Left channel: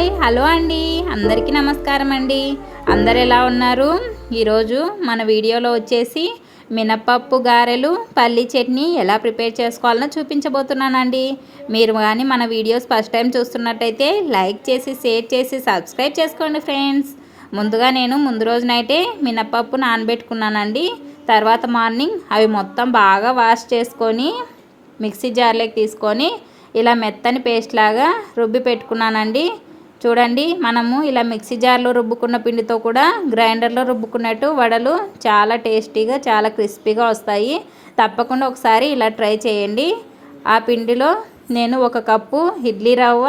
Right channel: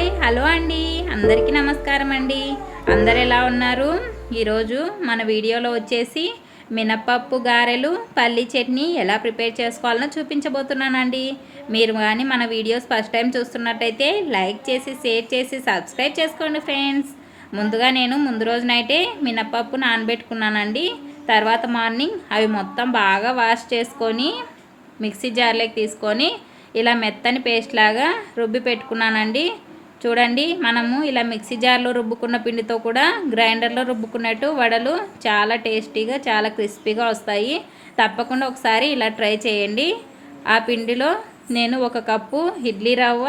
Hi hello అండి, అందరికీ నమస్కారం అండి. అందరు ఎలా ఉన్నారు? ఈరోజు మన వీడియోలో వచ్చేసి మినపప్పు గారెలు పల్లి చట్నీ ఎలా ప్రిపేర్ చేసుకోవాలో చూపించబోతున్నానండి. మీరు కానీ మన వీడియోస్ ఫస్ట్ టైం చూస్తున్నట్టయితే లైక్ చేసి షేర్ చేసి సబ్స్క్రైబ్ చేసుకోండి ఫ్రెండ్స్. ముందుగా నేను ముందు రోజు నైటే మినపప్పు నానబెట్టుకున్నానండి. తర్వాత మార్నింగ్ అవి మొత్తం బాగా వాష్ చేసుకొని మిక్సీ జార్లోకి తీసుకొని ఇలా మెత్తని పేస్ట్ లాగా రుబ్బి పెట్టుకున్నానండి. చూడండి, మనము ఇలా మిక్సీ జార్లో రుబ్బుకున్న పిండితో కూడా గ్రైండర్లో రుబ్బుకున్నట్టు వడలు చాలా టేస్టీగా చాలా క్రిస్పీగా వస్తాయి. తప్పకుండా ఒకసారి ఇలా ట్రై చేయండి. ఆ పిండిలో నేను 1 కప్పు ఇడ్లీ రవ్వ,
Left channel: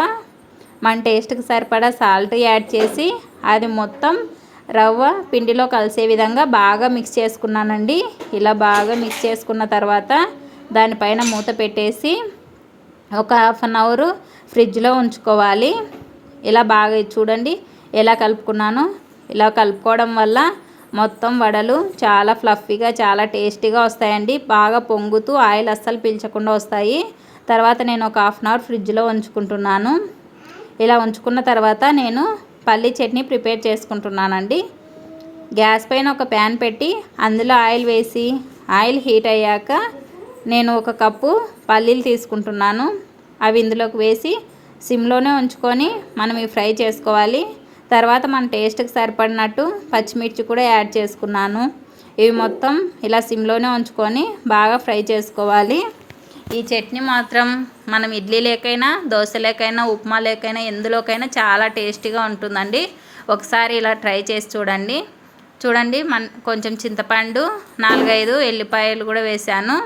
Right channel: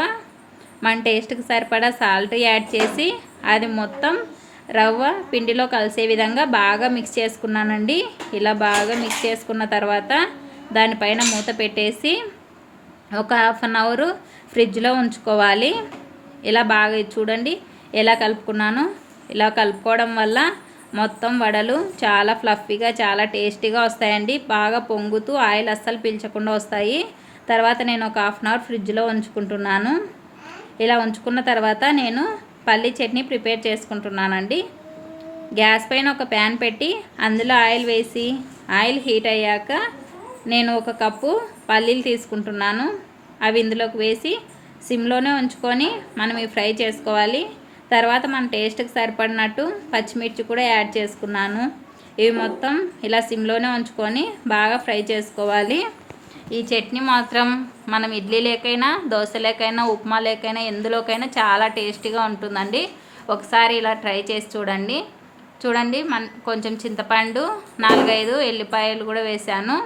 మన టేస్ట్కి సరిపడా సాల్ట్ యాడ్ చేసి అది మొత్తం రవ్వ పిండిలో కలిసే విధంగా బాగా మిక్స్ చేసుకున్నానండి. ఇలా బాగా మిక్స్ చేసుకున్న తర్వాత దానిపైన మూత పెట్టేసి ఒక 1/2 అవర్ ఫ్రిడ్జ్లో ఉంచుకోవాలి. ఇలా బాగా చూడండి ఎలా కలుపుకున్నాను. ఇలా కలుపుకోవడం వల్ల మొత్తం వడలు చాలా ఫ్లఫీగా చాలా టేస్టీగా వస్తాయండి. బాగా పొంగుతూ ఆయిల్ అస్సలు పీల్చకుండా వస్తాయి. తర్వాత నేను ఒక 1/2 అవర్ ఫ్రిడ్జ్లో ఉంచుకుంటున్నాను. ఇలా ఉంచుకున్న తర్వాత నేను పల్లి చట్నీ ప్రిపేర్ చేసుకుంటున్నానండి. గ్యాస్ పైన ఒక ప్యాన్ పెట్టి అందులో ఆయిల్ వేసి ఆయిల్ హీట్ అయ్యాక నేను 1 కప్పు పల్లీలు తీసుకుంటున్నాను. అవి ఇందులోకి వేసి సిమ్లోనే ఉంచుకొని మనం ఇవి ఫ్రై చేసుకోవాలి. తర్వాత మన టేస్ట్కి సరిపడినట్టు పచ్చిమిర్చి కూడా యాడ్ చేసుకున్నాను. ఇవి మొత్తం ఇలా సిమ్లోనే ఉంచుకొని బాగా ఫ్రై చేసుకోవాలి. ఈ చట్నీ మాత్రం మనం ఇడ్లీ లేకైనా దోశ లేకైనా ఉప్మా లేకైనా ఎందులోకైనా చాలా టేస్టీగా ఉంటుందండి. ఒకసారి ఇలా ట్రై చేసి చూడండి. కొంచెం చింతపండు 4-5 ఎల్లిపాయలు కూడా వేసాను.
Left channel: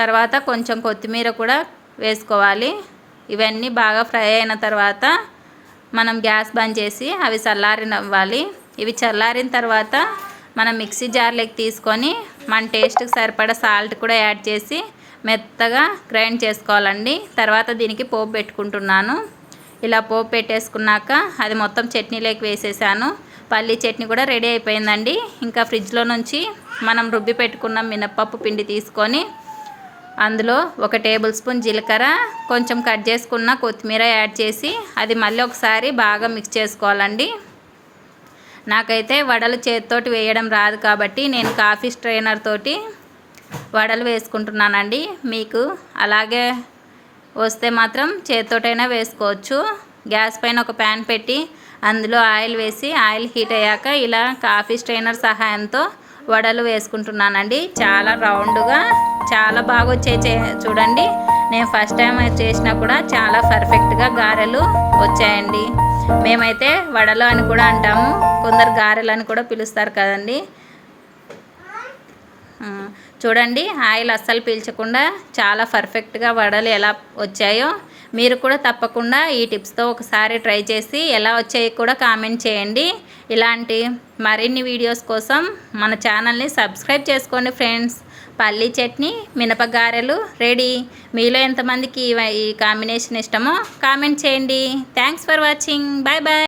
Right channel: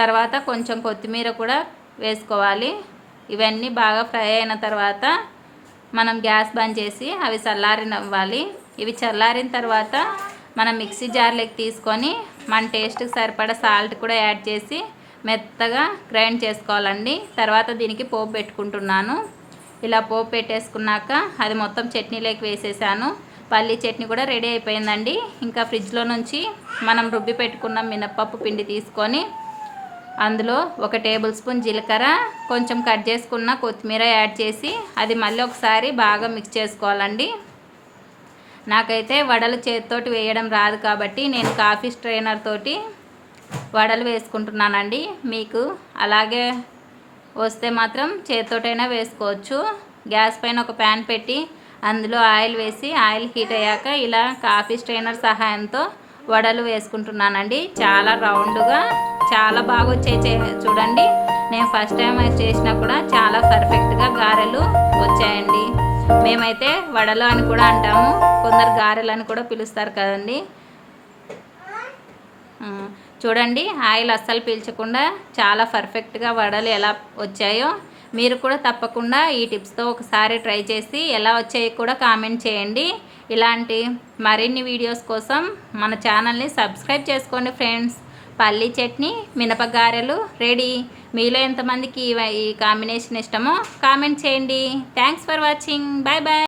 తర్వాత కొంచెం కొత్తిమీర కూడా వేసుకోవాలి. ఇవన్నీ బాగా ఫ్రై అయిన తర్వాత మనం గ్యాస్ బంద్ చేసి అవి చల్లారనివ్వాలి. ఇవి చల్లారిన తర్వాత మనం మిక్సీ జార్లోకి తీసుకొని మన టేస్ట్కి సరిపడా సాల్ట్ కూడా యాడ్ చేసి మెత్తగా గ్రైండ్ చేసుకోవాలండి. తర్వాత దీనికి పోపు పెట్టుకుంటున్నాను. ఇలా పోపు పెట్టేసుకున్నాక అది మొత్తం చట్నీలోకి వేసేసాను. పల్లీ చట్నీ కూడా రెడీ అయిపోయిందండి. ఇంకా ఫ్రిడ్జ్లో నుంచి మనం రుబ్బి పెట్టుకున్న మినపప్పు పిండి తీసుకొని అందులో 1 టేబుల్ స్పూన్ జీలకర్ర, కొంచెం కట్ చేసుకున్న కొత్తిమీర యాడ్ చేసి అది మళ్ళీ ఒకసారి బాగా మిక్స్ చేసుకోవాలండి. నాకైతే వడలు చేతితోటి వేయడం రాదు కాబట్టి నేను కాఫీ స్ట్రైనర్ తోటి వడలు వేసుకుంటున్నానండి. మీకు అలాగే వస్తే మాత్రం చేతితోటైనా వేసుకోవచ్చు. గ్యాస్ పైన ఒక ప్యాన్ పెట్టి అందులో ఆయిల్ వేసి ఆయిల్ హీట్ అయ్యాక ఇలా కాఫీ స్ట్రైనర్ సహాయంతో వడలు వేసుకుంటున్నానండి. చాలా రౌండ్గా చాలా బాగా వచ్చాయి. చూడండి, నేను ఫస్ట్ టైం చేసినా కూడా చాలా పర్ఫెక్ట్గా గారెలు వచ్చాయండి. మేమైతే వడలు అని కూడా అంటాము, కొందరు గారెలు అని కూడా పిలుస్తారు కదండి. చూడండి, ఆయిల్ అస్సలు పీల్చకుండా చాలా పర్ఫెక్ట్గా వడలు ఎలా వచ్చాయో మీరు కూడా తప్పకుండా ఈ టిప్స్తో ఒకసారి ట్రై చేసి ఎలా వచ్చాయో కూడా కామెంట్ చేయండి. ఇలాంటి మరిన్ని వీడియోస్ కోసం మన ఛానల్ని సబ్స్క్రైబ్ చేసుకోండి ఫ్రెండ్స్. పల్లీ చట్నీ మినపగారెలు రెడీ. మీలో ఎంతమందికి ఈ కాంబినేషన్ ఇష్టమో కామెంట్ చేయండి. Thanks for watching. Bye bye.